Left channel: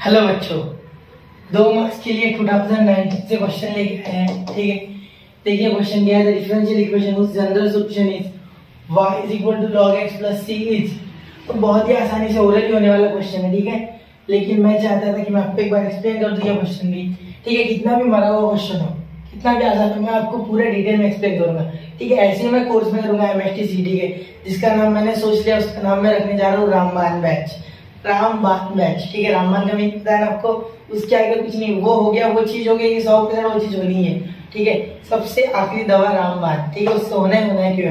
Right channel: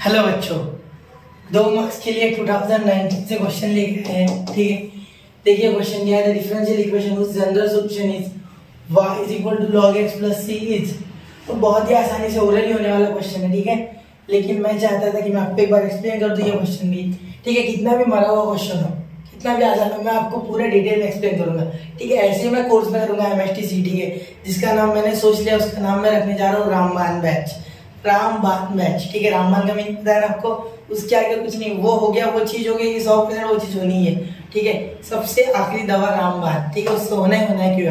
Hello बच्चों, 2 marks के लिए 2019 से क्वेश्चन लेके आए हैं। ठीक है, देखिए क्वेश्चन दिया है, the differential equation whose general solution is y is equal to log x plus c is। तो बहुत ही आसानी से ओरली होने वाला क्वेश्चन है। ठीक है, लेकिन मैं चाहता था कि मैं आपको एक बार एक्सप्लेन कर दूं ये क्वेश्चन भी। ठीक है, कितना भी मरा हुआ क्वेश्चन हो, कितना भी आसान हो, मैं आपको पूरा डिटेल में एक्सप्लेन करूंगा। ठीक है, ऐसे ही मैं कोर्स में करूंगा MSTCT के, जिसका नाम मैंने सोच लिया, उसका नाम मैं रखने जा रहा हूँ रामबान बैच। रामबान बैच, ठीक है, रामबान का मीनिंग पता है ना आपको, उसके आगे कुछ नहीं, वो हो गया, वो चीज हो गई, 100% वो चीज होनी है। ठीक है, सबसे आखिरी दवा रामबान। ठीक है, उसको होना ही होना है क्यों।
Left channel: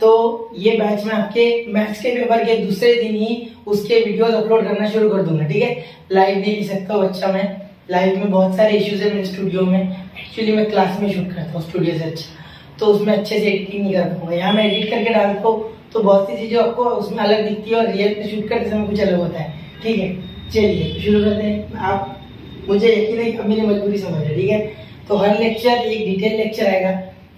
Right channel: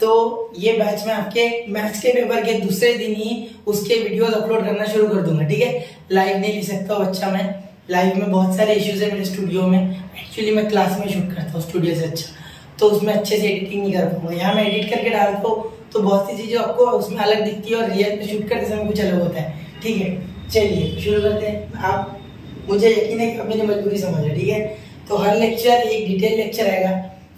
तो ये बैच में आपके मैथ्स के पेपर के दूसरे दिन ही उसके वीडियोस अपलोड करना शुरू कर दूंगा। ठीक है, लाइव नहीं ले सकता बच्चा, मैं लाइव में बहुत सारे इश्यूज है मेरे स्टूडियो में। एक्चुअली मैं क्लास में शूट करता हूँ स्टूडियो से, अच्छा तो उसमें अच्छे से एडिटिंग नहीं कर पाऊंगा। यहाँ मैं एडिट करके डालता हूँ तो बहुत सी चीजें आपको उसमें अलग दिखती है और रियल पे शूट करते समय कुछ अलग होता है। ठीक है, चलिए शुरू करते हैं। आप, मुझे यकीन है कि आप मेरी मजबूरी समझ रहे। ठीक है, तो हर लेक्चर एक डिटेल लेक्चर आएगा,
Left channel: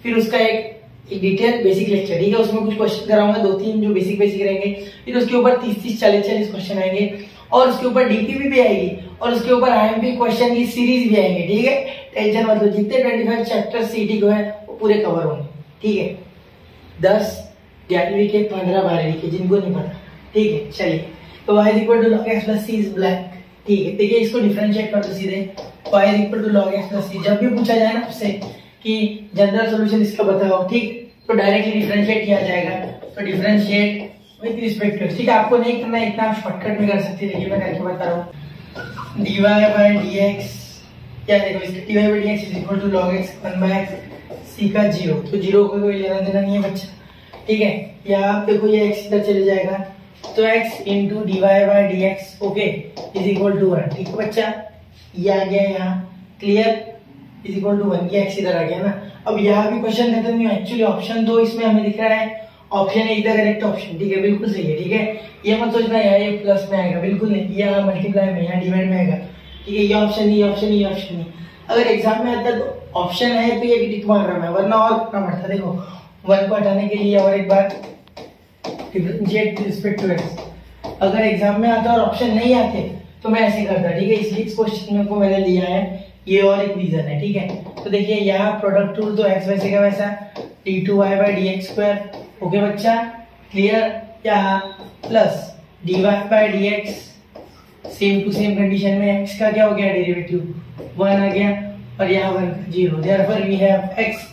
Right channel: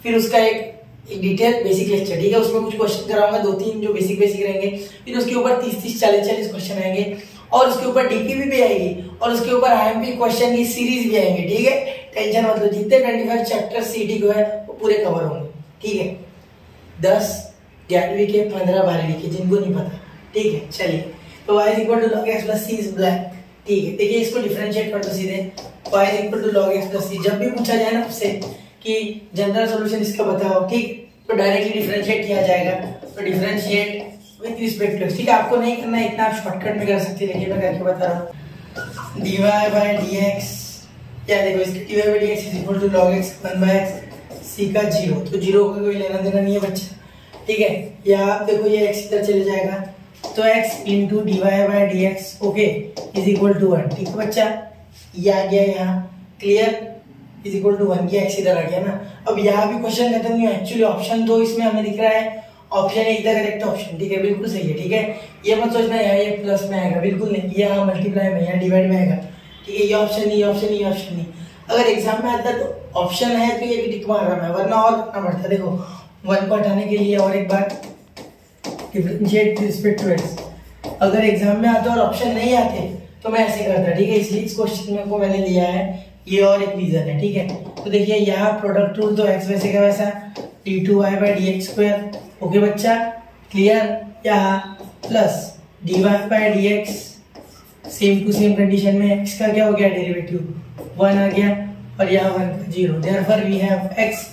फिर उसका एक डिटेल बेसिक लेक्चर। ठीक है, उसमें कुछ क्वेश्चन कराऊंगा, 2-3 जो बेसिक रहेंगे, फिर उसके ऊपर 30-30, 40-40 क्वेश्चन आएंगे, और उसके ऊपर डीपीपी भी आएगी, और उसके ऊपर IMP क्वेश्चन की सीरीज भी आएंगे। ठीक है, टेंशन मत लो, जितने 25 चैप्टर सीटी को है वो पूरे कवर होंगे। ठीक है, 10 11वीं के, 15 12वीं के, जिनको नहीं पता। ठीक है, चलिए, तो y is equal to log x plus c is black। ठीक है, देखिए इसको डिफरेंशिएट कर दो सीधे, y is equal to log x plus c। जब भी पूछा जाए ना आपसे कि जनरल सॉल्यूशन इसका बताओ, ठीक, तो डायरेक्टली डिफरेंशिएट किया जाएगा। तो डिफरेंशिएट विद रिस्पेक्ट टू, ठीक है, आपको नहीं करना है इतना, आप शॉर्टकट में कर सकते हैं, लेकिन मैं करके बता रहा हूँ। dy by dx, क्या देखो इसका dy by dx is equal to log x 1 by x c का 0। तो 0 का कोई लेना देना नहीं है बच्चा। ठीक है, यहाँ आप देखो ये x इधर चले जाएगा, तो x into dy by dx okay is equal to 1। ठीक है बच्चा, ये आ गया यहाँ, क्लियर, इज इक्वल टू 1। ये x इधर आ गया ना। अब यहाँ भी क्वेश्चन खत्म नहीं हुआ, एक्चुअली ऑप्शन 2 इसमें हमें दिख रहा है, ऑप्शन 1 द करेक्ट ऑप्शन। ठीक है, बिल्कुल सही है। ठीक है, ये मत सोचना यहाँ ये प्लस में आएगा, बिल्कुल नहीं, यहाँ मल्टीप्लाई में, यहाँ डिवाइड में आएगा। ठीक है, ये ऑप्शन नहीं, ऑप्शन नहीं, ऑप्शन नहीं। अगर एग्जाम में आता तो ऑप्शन है तो ये भी टिक मार रहा है, वरना और करना पड़ता। देखो 1 को हटाने के लिए और एक बार डिफरेंशिएट रिस्पेक्ट टू x। अगर एग्जाम में आता और ऑप्शन नहीं आते तो मैं ऐसे करता। ठीक है, इसलिए इस क्वेश्चन में को मैंने लिया है, ये और एक रीजन है। ठीक है, तो देखिए यहाँ प्रोडक्ट रूल, तो x वैसे का वैसा d2y by dx square. Okay बच्चा, क्लियर। यहाँ plus dy by dx, same to same condition में x का क्या हो गया, डेरिवेटिव 1 आ गया, और यहाँ 1 का 0। Therefore we have x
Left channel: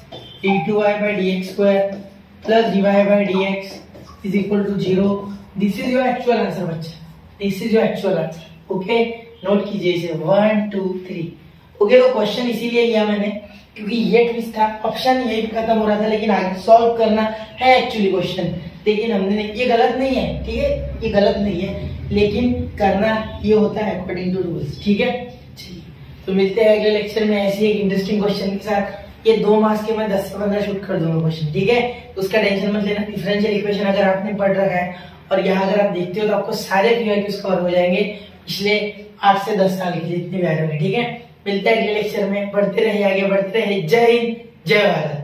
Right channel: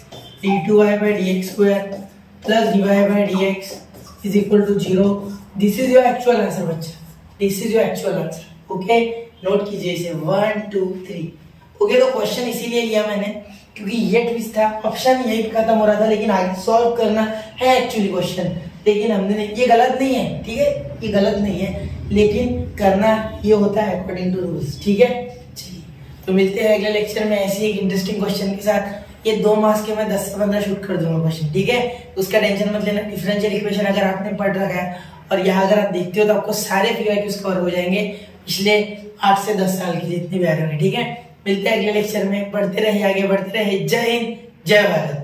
d2y by dx square plus dy by dx is equal to 0। This is your actual answer बच्चा, this is your actual answer. Okay, note कीजिए इसे, 1 2 3। ओके, तो क्वेश्चन इसीलिए लिया मैंने क्योंकि ये ट्विस्ट था, ऑप्शन यही खत्म हो रहा था, लेकिन आगे सॉल्व करना है एक्चुअली क्वेश्चन, लेकिन हमने नहीं, ये गलत नहीं है। ठीक है, ये गलत नहीं है, लेकिन करना ये होता है अकॉर्डिंग टू रूल्स। ठीक है, चलिए, तो मिलते हैं अगले लेक्चर में ऐसी एक इंटरेस्टिंग क्वेश्चन के साथ। ये 2 मार्क्स के मैं 10 से 15 शूट कर दूंगा क्वेश्चन। ठीक है, उसका टेंशन मत लेना। डिफरेंशियल इक्वेशन अगर आपने पढ़ रखा है और यहाँ अगर आप देखते हो तो आपको सारे PYQs कवर हो जाएंगे, पिछले 8 से 10 साल के जितने भी आ रहे हैं। ठीक है, मिलते हैं अगले लेक्चर में, बढ़ते रहे, आगे बढ़ते रहे। जय हिंद, जय भारत।